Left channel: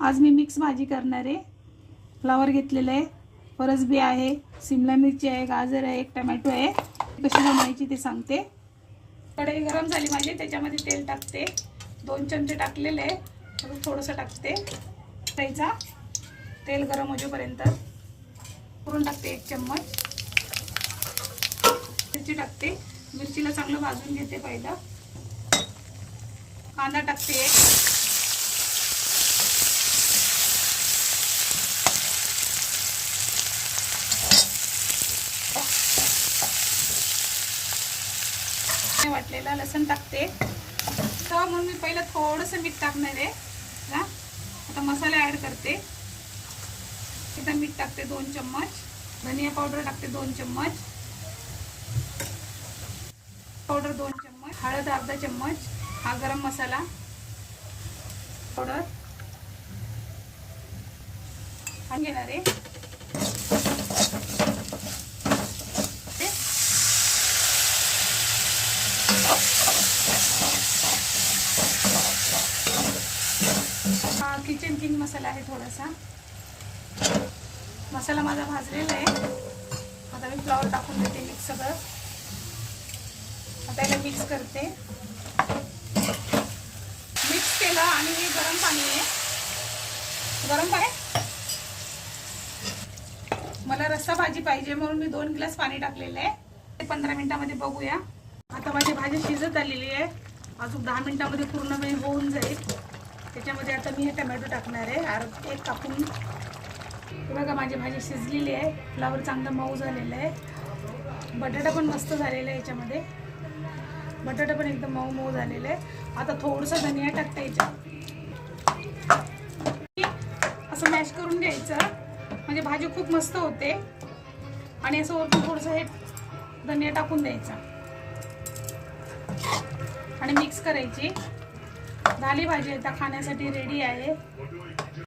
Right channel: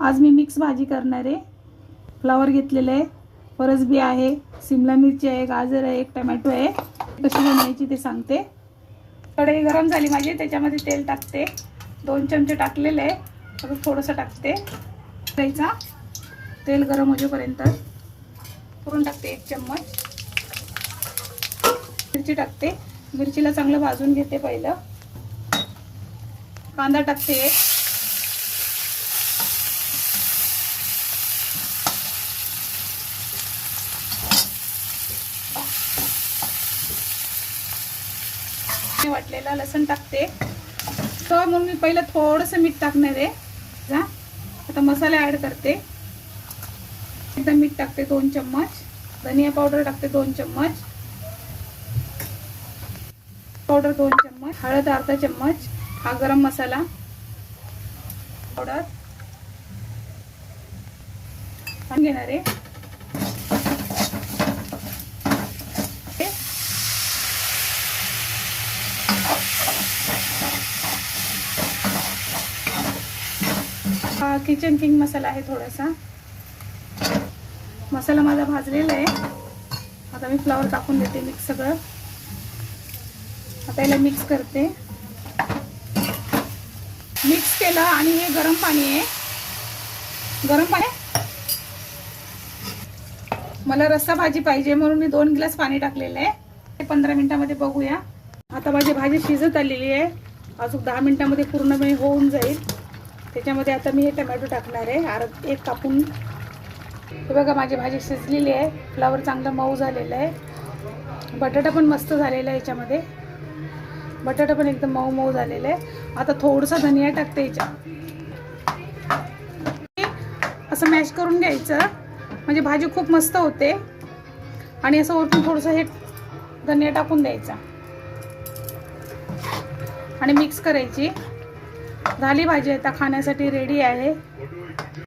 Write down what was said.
आज मी मिक्स भाजी करणार आहे। फ्लावर घेतलेलं आहे, फरसबी आहे, शिमला मिरची आहे, गाजर आहे, एक टोमॅटो आहे। कशी बनवायची ते सांगते। कढई गरम झाली माझी, त्याच्यामध्ये तेल टाकते। 2 चमचे टाकलेले आहे, आता थोडंसं टाकते। कढईचा तेल गरम होईपर्यंत पुरून टाकते 1 चम्मच। मिरची टाकते, मिरचीला चांगलं भाजून घेते। पहिलं कांदा टाकते एक, वाटलेला लसूण टाकते। तर म्हणून मी पहिलं थोडंसं मीठ टाकणार आहे। आता मसाले ऍड करते। आता मीठ टाकते 2 चम्मच, धनिया पावडर टाकते 2 चम्मच, पावडर 2 चम्मच, हळद अर्धा चम्मच, हा गरम मसाला पावडर आणि घेणार आहे। किचन किंग मसाला आहे थोडासा। मसाला माझा भाजलेला आहे। आता मी फ्लावर टाकून देते मिक्स सगळं। आता याला मिक्स करते। मिक्स केलं आणि हे गरम पाणी आहे, गरम पाणी। मला रस्सा भाजी पाहिजे म्हणून मी 2 ग्लास पाणी टाकलेलं आहे। 15 मिनिटांमध्ये बघूया। आता माझी भाजी शिजत आलेली आहे, अजून 10 मिनिटांमध्ये पूर्णपणे होऊन जाईल। त्याच्यामध्ये आता मी हे टोमॅटो टाकणार आहे, एक कापून। हे बघा माझी भाजी शिजलेली आहे, फ्लावर चांगला मऊ झालेला आहे, बटाटा पण मस्त झालेला आहे। याच्यामध्ये बटाटा पण एकदम मऊ मऊ झालेला आहे। आता थोडंसं धनिया टाकते याच्यात, असं मॅश करून घ्यायचं म्हणजे भाजी खूप मस्त होते। आणि असं वरतून थोडंसं हे धनिया टाकून द्यायचा आणि मिक्स करायची। झाली भाजी, आता खाण्यासाठी रेडी आहे।